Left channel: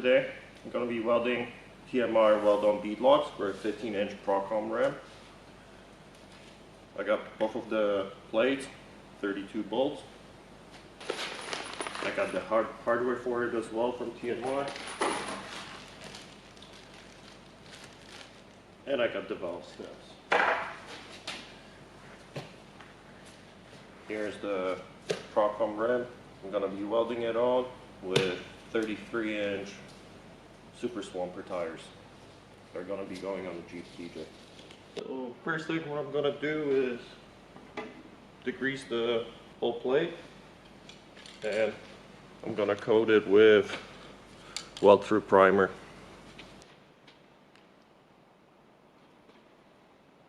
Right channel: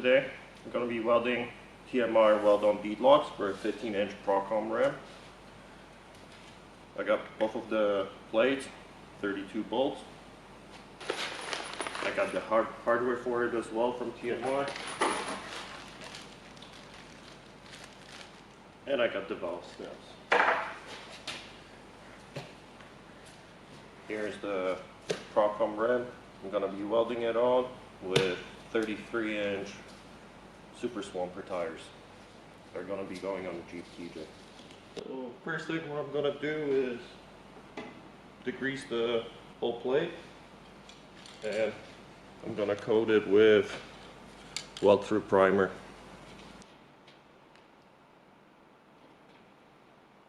today I'm going to be welding TMR Weld On Beadlocks for a 15-inch Procom ram. I got both of the plates, 32 bolts. I got the hardware for it as well from TMR. And I got the valve snaps. Here's the Procom ram. I'm going to be welding it on with 33-inch Super Swamper tires. They're going to be going on the Jeep TJ. So first thing what I'm going to do is degrease the whole plate, and I'm going to coat it with weld through primer.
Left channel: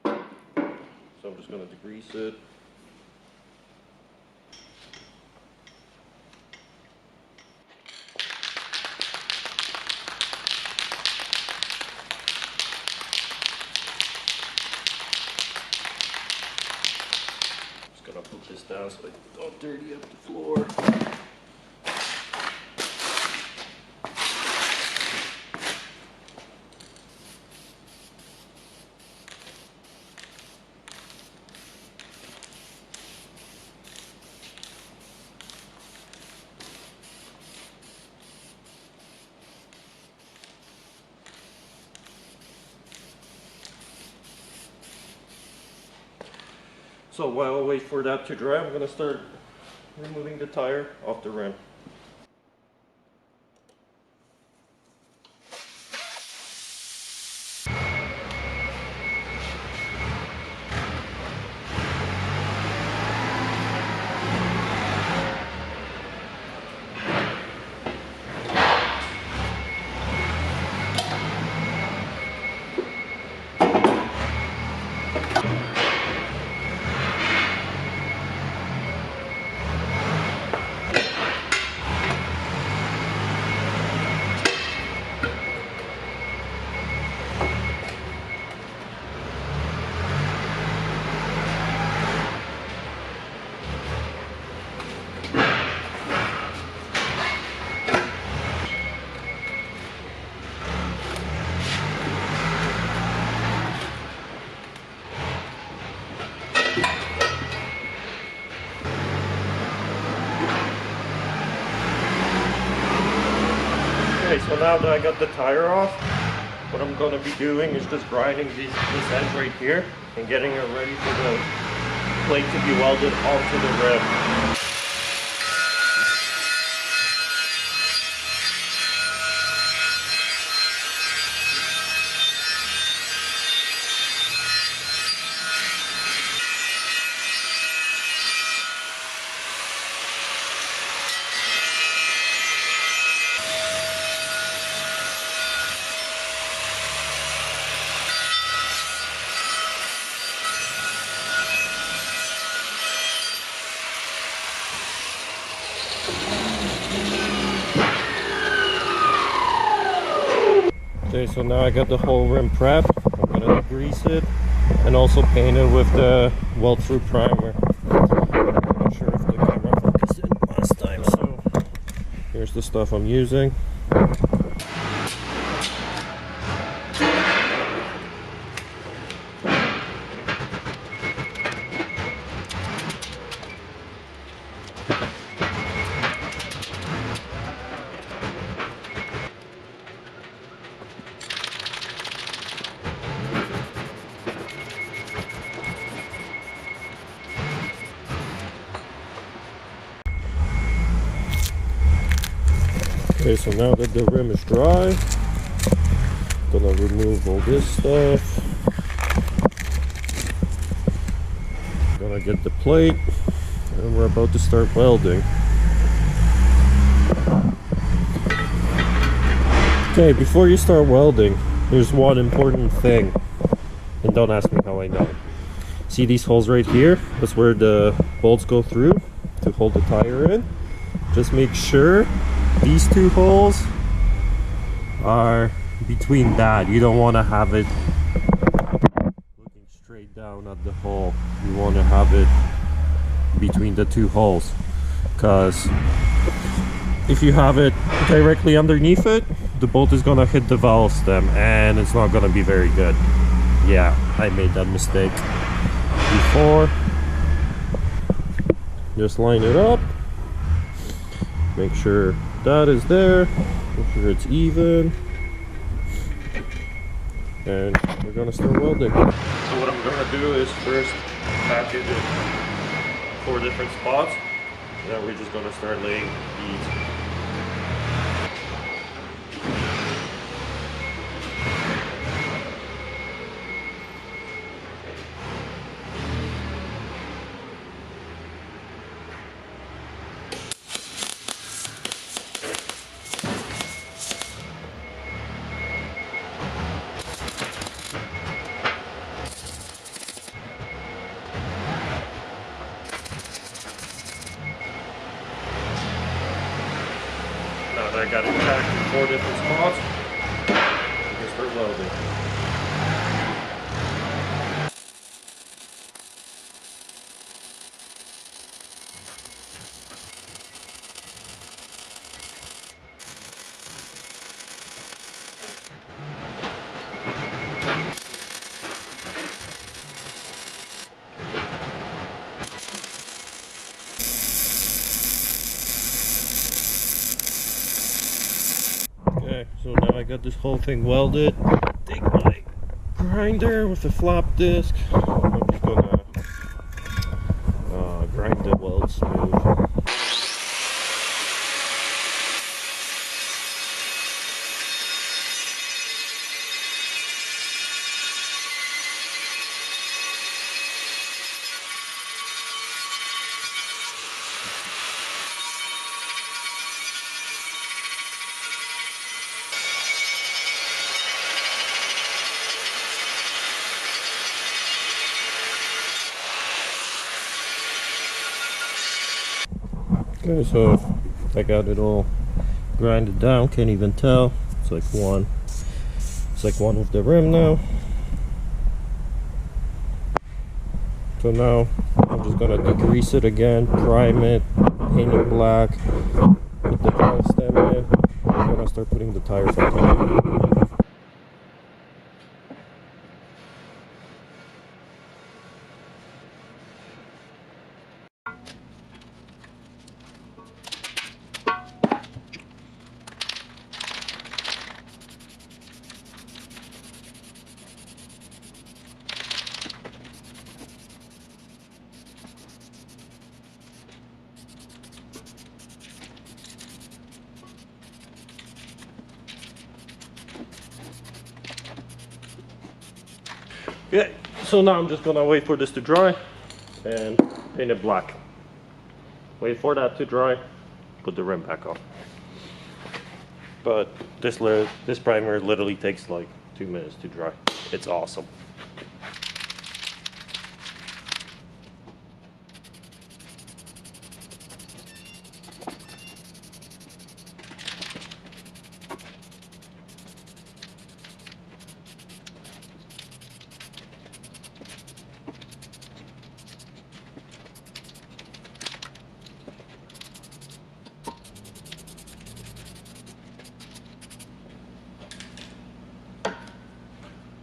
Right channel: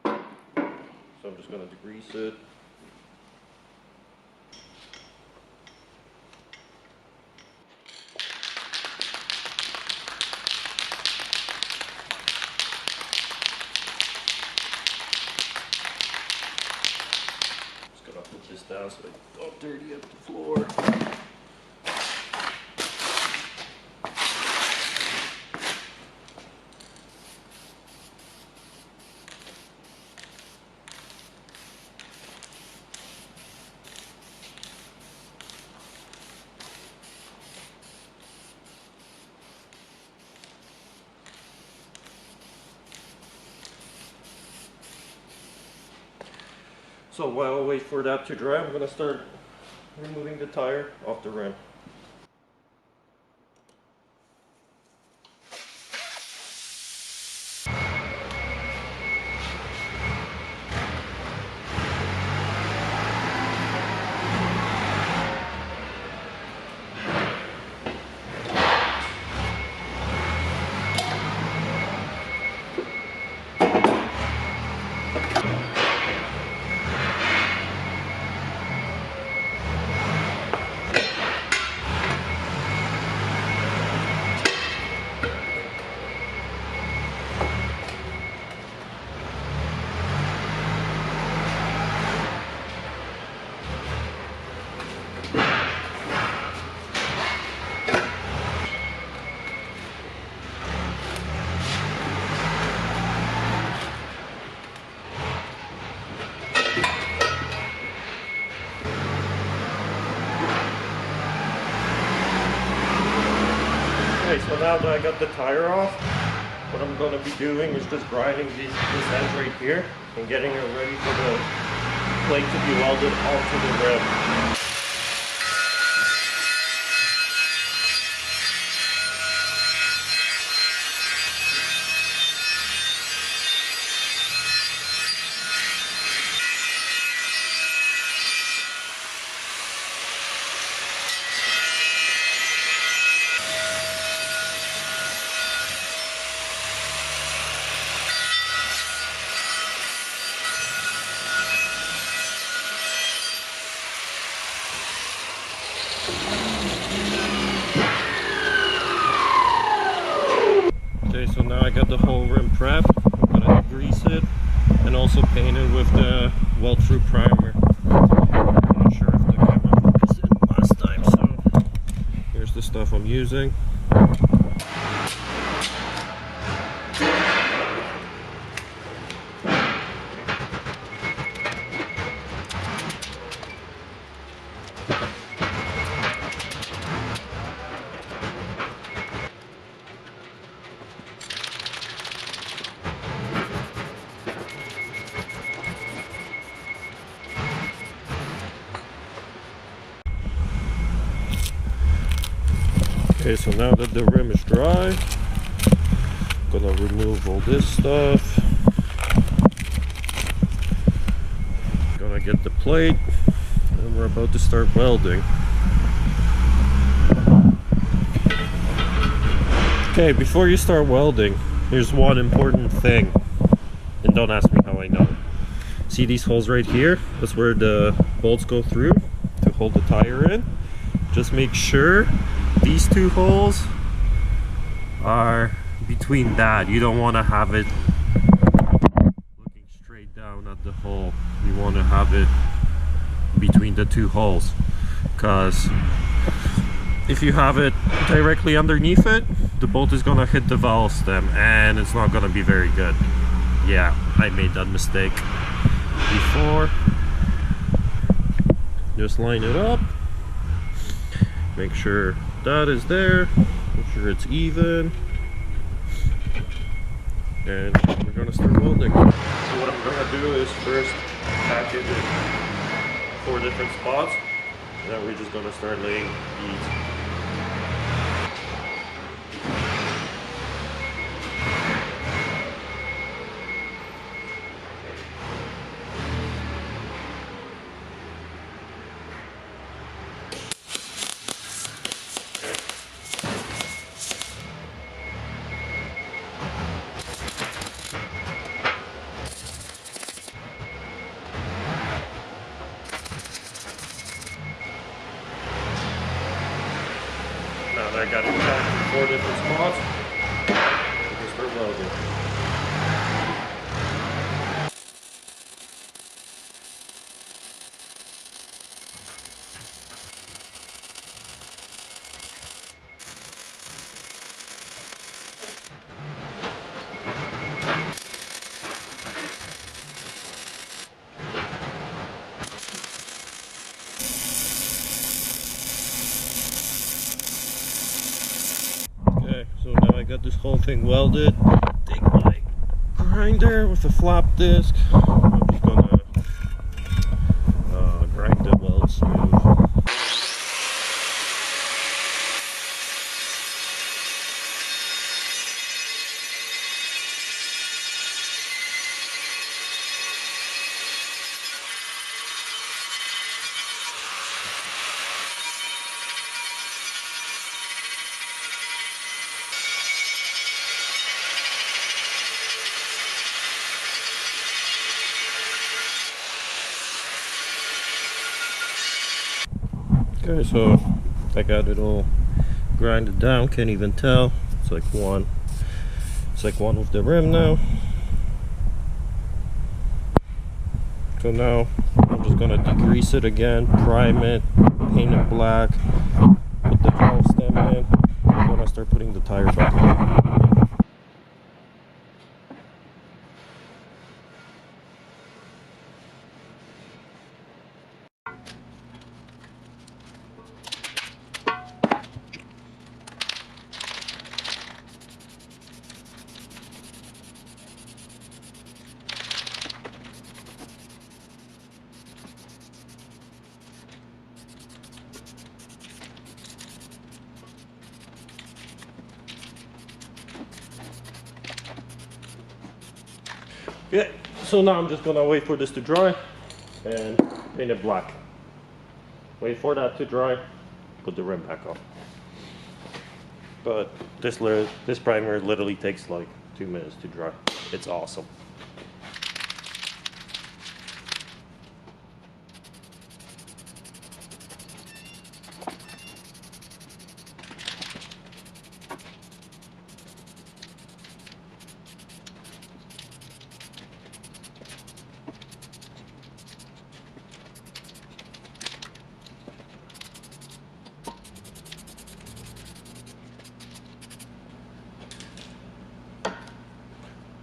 So I'm just going to degrease it. Gonna put this down so I don't dirty up the floor. So while I wait for that to dry, I'm going to start removing the tire off the rim. Okay, so now that I got the tire off, what I'm going to be doing is just grinding this end right here and getting it ready for the plate to be welded onto the rim. Okay, so now I got the whole rim prepped. I'm gonna grease it and also paint it with the weld through primer. I'm not sure if the camera focused in last time, so here's the stuff I'm using. Okay, so now that the rim is dry, I'm gonna remove all this stuff. Gonna get the plate, and we're about to start welding. Okay, before you start welding, here's one important thing, and don't ask me how I know. See these holes right here? That's where the bolts go through to hold the tire in. Just make sure these two holes are between that. You don't want to have it looking straight down at the hole. You want to have it between the two holes, because if you have it directly underneath it, the bolt is gonna hit the valve stem and it's not gonna be very good. Yeah, I made that mistake before. Just line it up, make sure that is there, make sure it's even, and we're gonna start welding. So what I'm gonna do is first patch it in 4 different spots, and then we're just gonna start laying beads. Now that I got it packed in 4 different spots, we can start welding. Okay, so now I got this whole thing welded. Take my grinder with a flap disc. I'm just gonna grind the weld smooth. Okay, so I got it all grinded down, can't even tell. It's like one with the rim now. So now I'm just gonna degrease it again, prime it, paint it black, put the valve stem in. We're gonna start putting the tire back on. Yeah, so now I'm just gonna wait for this to dry and paint it black. Wait for that to dry, put the rim back on. But this primer literally takes like 2 minutes to dry. It's awesome.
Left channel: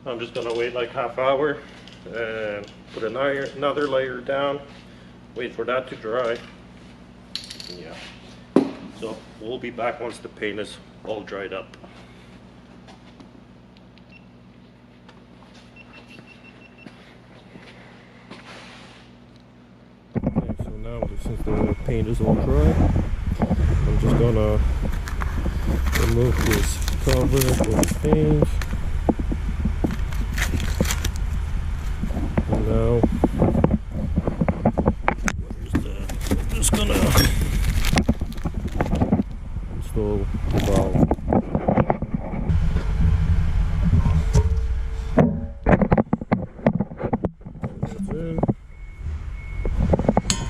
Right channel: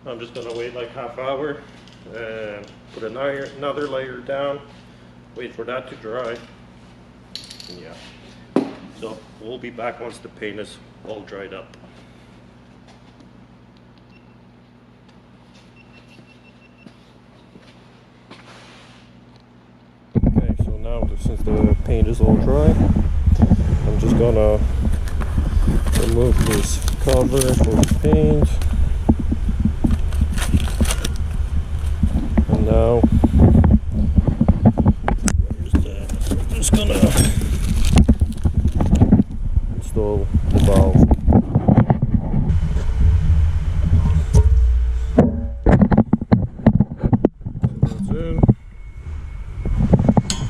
I'm just gonna wait like half hour and put another layer down, wait for that to dry. Yeah, so we'll be back once the paint is all dried up. Okay, so now since the paint is all dry, I'm just gonna remove this cover for the paint. And now, where's that? I'm just gonna install the valve. So that's in.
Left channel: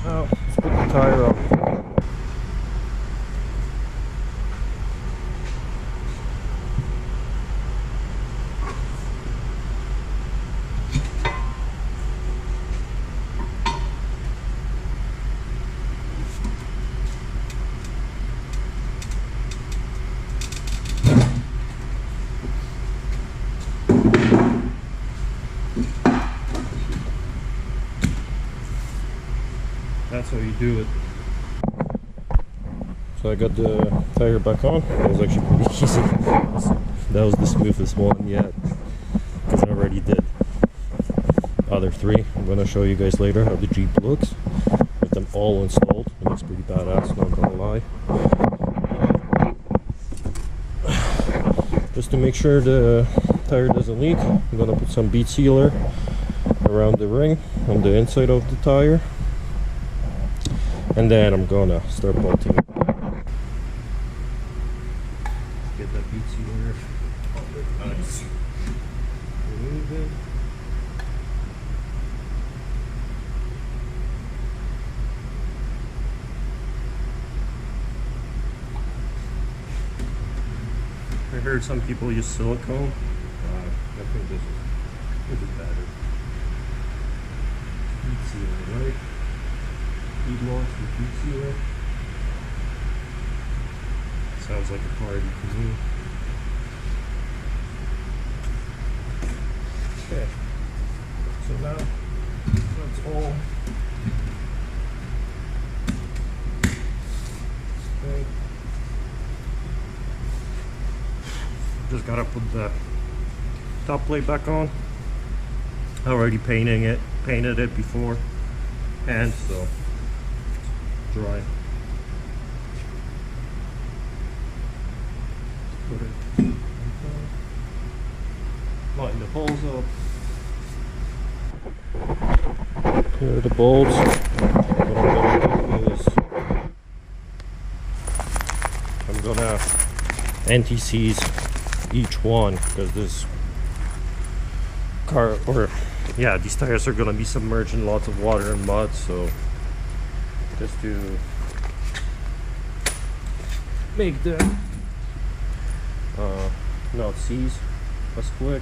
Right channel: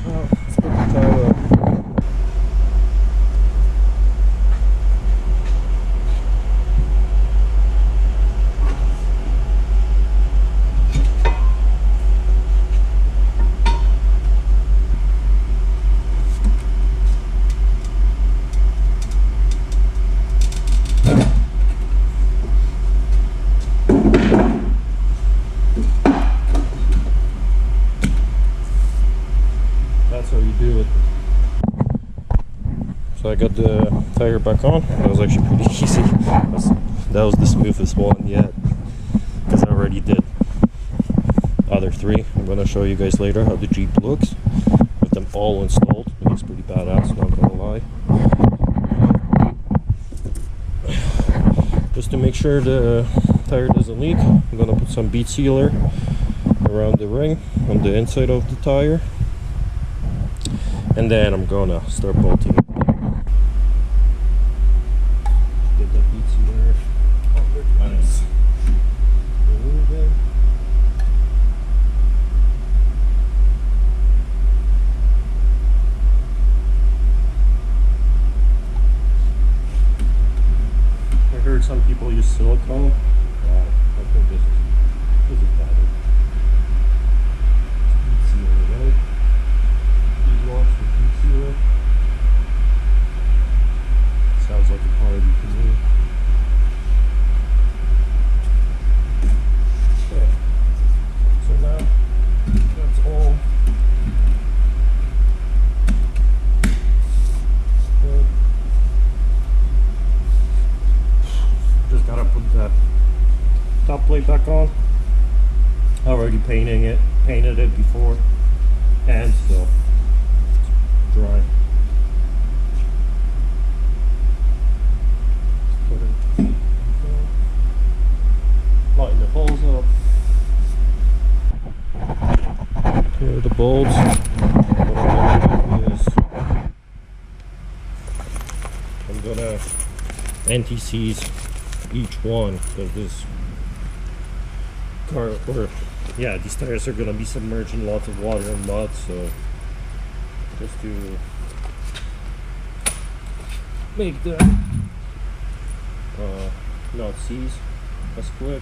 Now, let's put the tire on. That's how you do it. So I got the tire back on. That was actually pretty easy. That was the smoothest one yet, because I already did other three. I'm gonna show you guys later how the Jeep looks with them all installed. It looks pretty badass, not gonna lie. Just to make sure the tire doesn't leak, I'm gonna put some bead sealer around the ring on the inside of the tire, and then I'm gonna start bolting it down. Get that bead sealer. Oh, nice. Remove it. I heard some people use silicone. I think this is better. Bead sealer, right? Beadlocks with bead sealer. Sounds like a party to me. Okay. So now that's all. Okay. Just gotta put the top plate back on. I already painted it before, and so it's dry. Just put it. Line the holes up. Here are the bolts. What I'm gonna do is I'm gonna anti-seize each one, because this car, or yeah, these tires are gonna be submerged in lots of water and mud, so just to make them not seize as quick.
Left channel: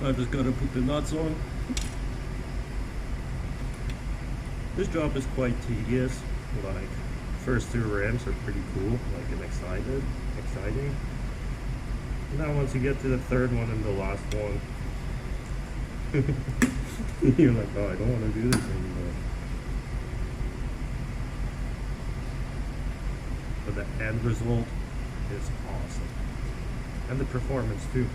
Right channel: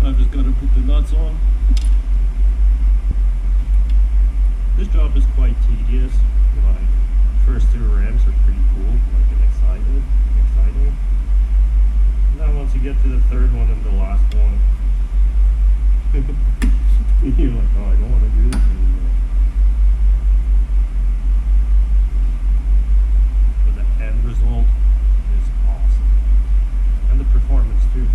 I just gotta put the nuts on. This job is quite tedious. Like, first two rims are pretty cool, like, and exciting. Now once you get to the third one and the last one, you're like, oh, I don't want to do this anymore. But the end result is awesome, and the performance too.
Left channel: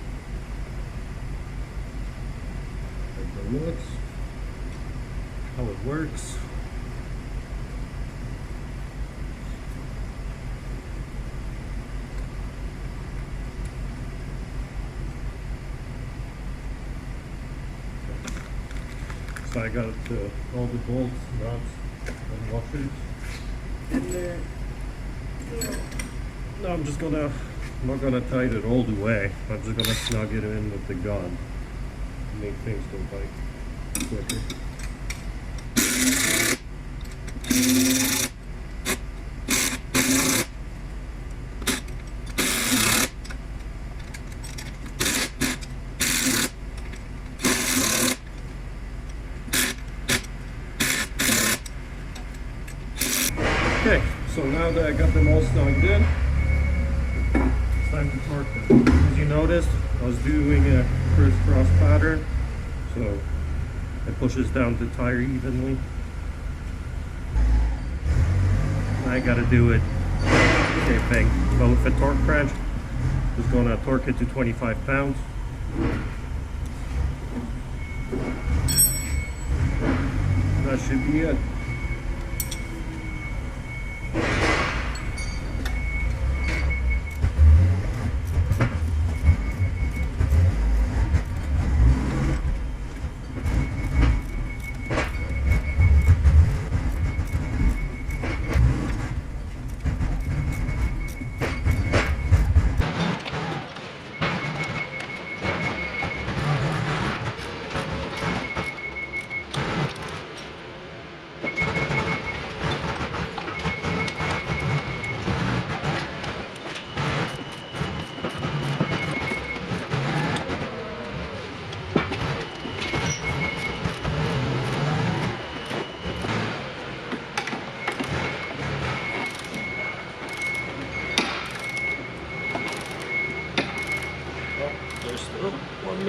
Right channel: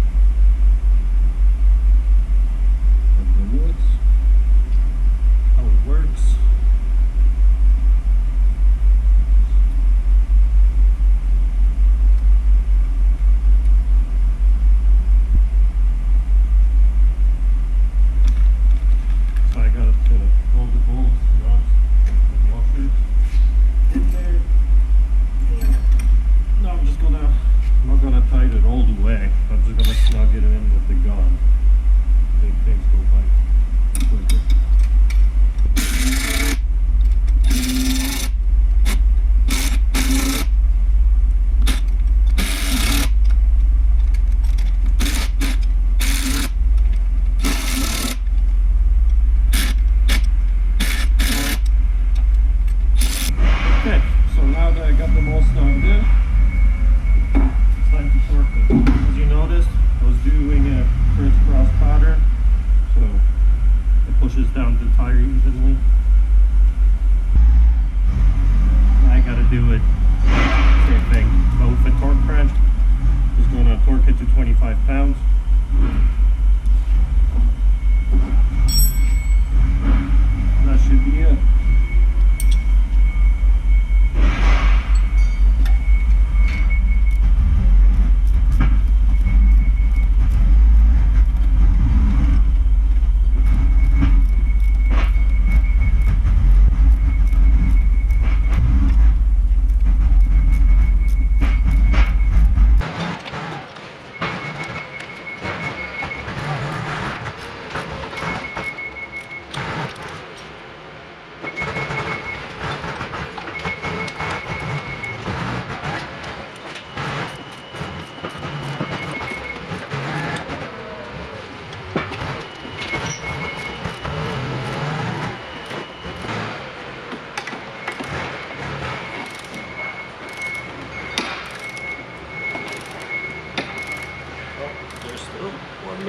Like the looks, how it works. So I got all the bolts, nuts, and washers in there. Now I'm not gonna tighten it all the way. I'm just gonna snug it in with the gun. Make things go by quicker. Okay, so now that I got them all snugged in, it's time to torque them. As you noticed, I was doing a crisscross pattern, so it pushes down the tire evenly. I gotta do it same thing, but with a torque wrench. Just gonna torque it to 25 pounds. That should be it.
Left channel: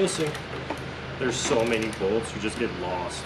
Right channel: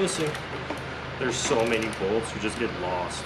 missing. There's so many bolts, you just get lost.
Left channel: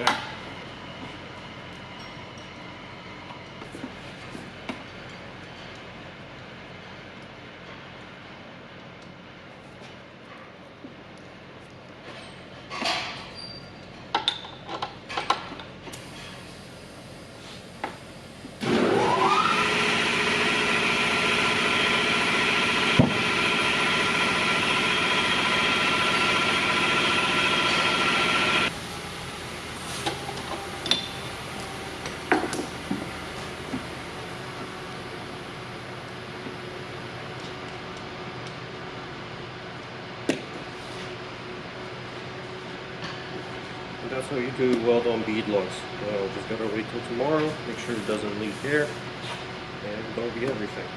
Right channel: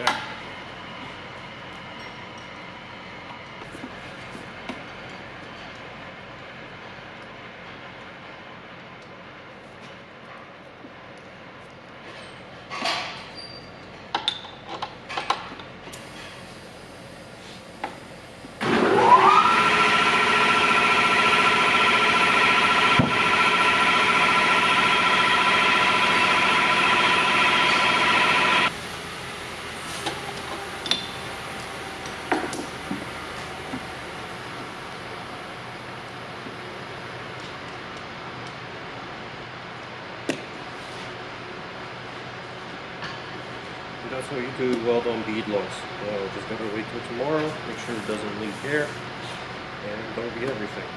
Okay. And that's how you do weld on beadlocks. Just gotta wait till tomorrow, make sure it doesn't leak air, and that'll be everything.